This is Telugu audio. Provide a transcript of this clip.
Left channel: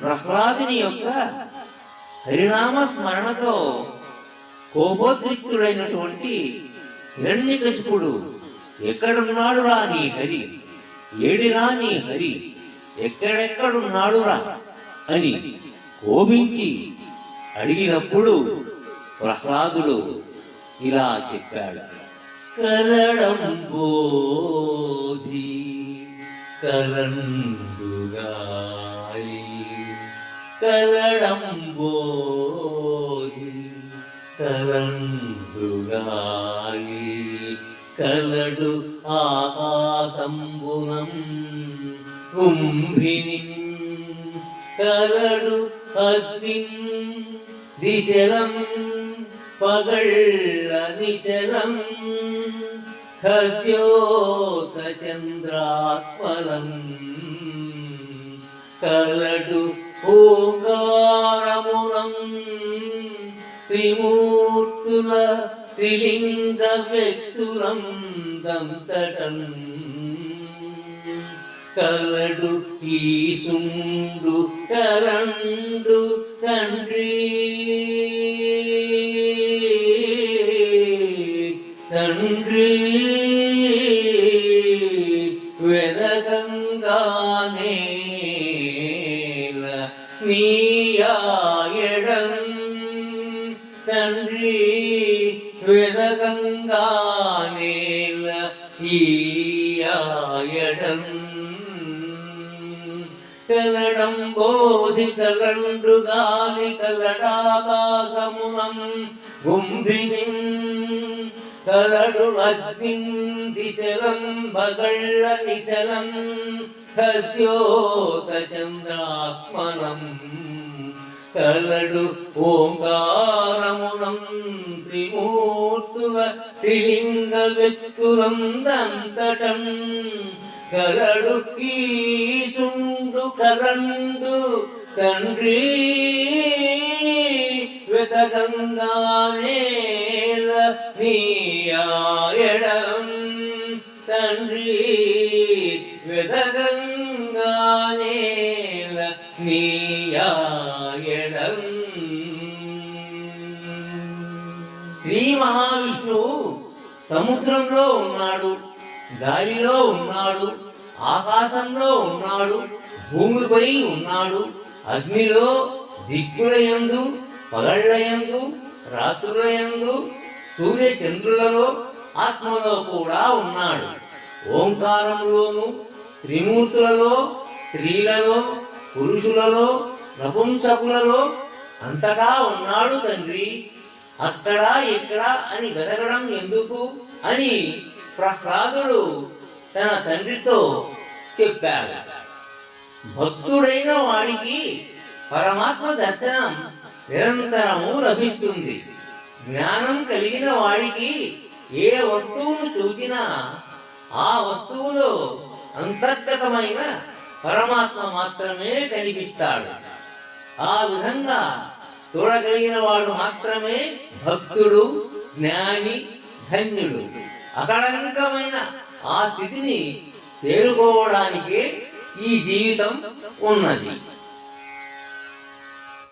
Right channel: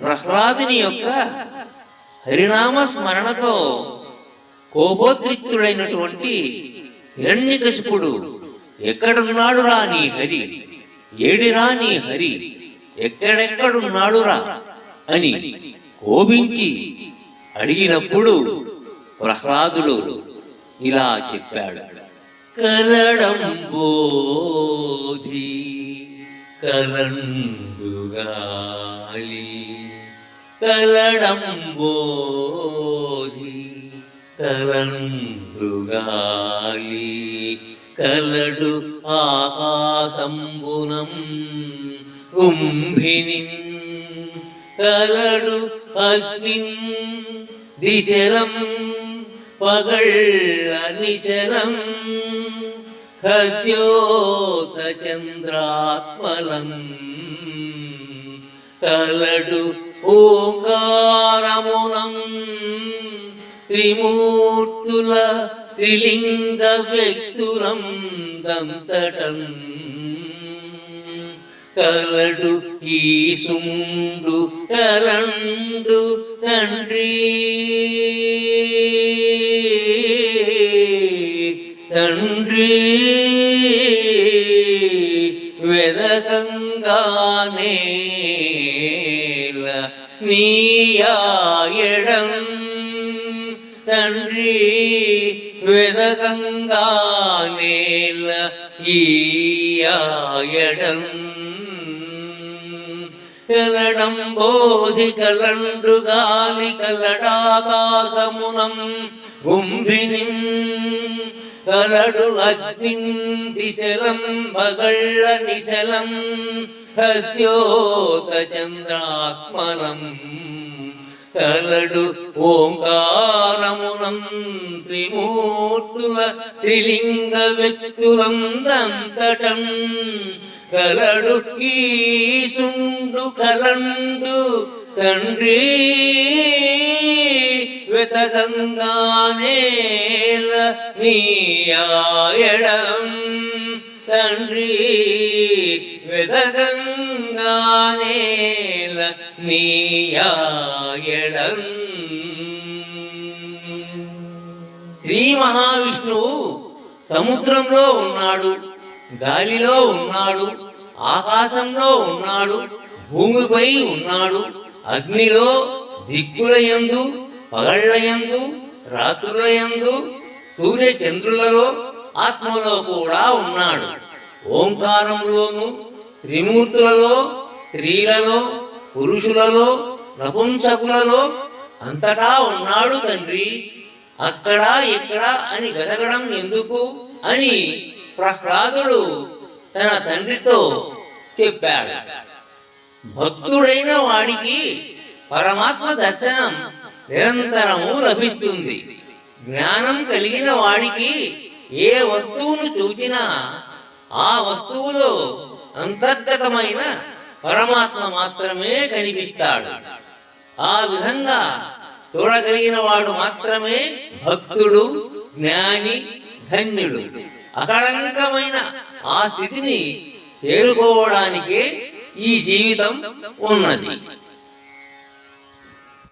ప్రహ్లాదుని యొక్క హరినామ స్మరణతో కోపోద్రిక్తుడైనటువంటి హిరణ్యకశిపుడు ఎక్కడున్నాడురా నీ హరి, ఏడిరా నీ హరి, ఎక్కడెక్కడున్నాడురా అని కోపించి అడిగినప్పుడు ప్రహ్లాదుడు ఇలా చెప్పాడు. కలడంబోధి కలండుగాలి, కలడంబోధి కలండుగాలి, కలడు ఆకాశంబునం కుంభిని, కలడు అగ్నిం దిశలం పగళ్ళ నిశలం, ఖద్యోత చంద్రాత్మలం, కలడు ఓంకారమునం త్రిమూర్తుల త్రిలింగ వ్యక్తులం దంతటం, కలడు ఈశుండు కలండు తండ్రి, తండ్రి వెదకంగానేల నీయాయడం, తండ్రి వెదకంగానేల ఈయాయడం, కలడంబోధి కలండుగాలి, కలడాకాశమునం గుంభినిం, కలడు అగ్నిం దిశలం భగళ్ళ నిశలం, ఖద్యోత చంద్రాత్మలం, కలడు ఓంకారమునం త్రిమూర్తుల త్రిలింగ వ్యక్తులం దంతటం, కలడు ఈశుండు కలండు తండ్రి వెతకంగానేల నీయాయడం, తండ్రి వెతకంగానేల నీయాయడం. శ్రీ మహావిష్ణువు సముద్రంలో ఉన్నాడు, గాలిలో ఉన్నాడు, ఆకాశంలో ఉన్నాడు, భూమిపై ఉన్నాడు, అగ్నిలో, దిక్కులయందు, పగళ్లయందు, రాత్రులయందు, సూర్యచంద్రులలో, ఆత్మలో కూడా ఉన్నాడు. ఓంకారంలోను, త్రిమూర్తులలో, స్త్రీలలో, పురుషులలో, నపుంసకులలో అంతటా ఉన్నాడు తండ్రి. అక్కడ ఇక్కడ అని వెతకడం ఎందుకు అని ప్రహ్లాదుడు తన తండ్రితో చెప్పాడు. భక్తుడైన వాడికి పరమాత్మ దర్శనం నిరంతరము లభిస్తుంది. జ్ఞానం కలిగిన వాడికి ఏ వస్తువును చూచినా ఆ వస్తువులో అంతర్గతమైన పరమాత్మ మాత్రమే కనిపిస్తాడు. ఆ విధంగా చూడగలిగిన వాడు మాత్రమే భక్తుడు, జ్ఞాని, ధన్యుడు. అకళంకమైన ఆ స్థితిని చేరుకోవడానికే ఈ జీవితం ఉన్నది.